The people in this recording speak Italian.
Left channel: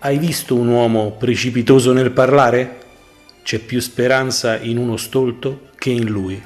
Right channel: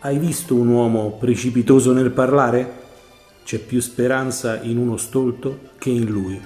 Hai visto un uomo precipitoso nel parlare? C'è più speranza in uno stolto che in lui.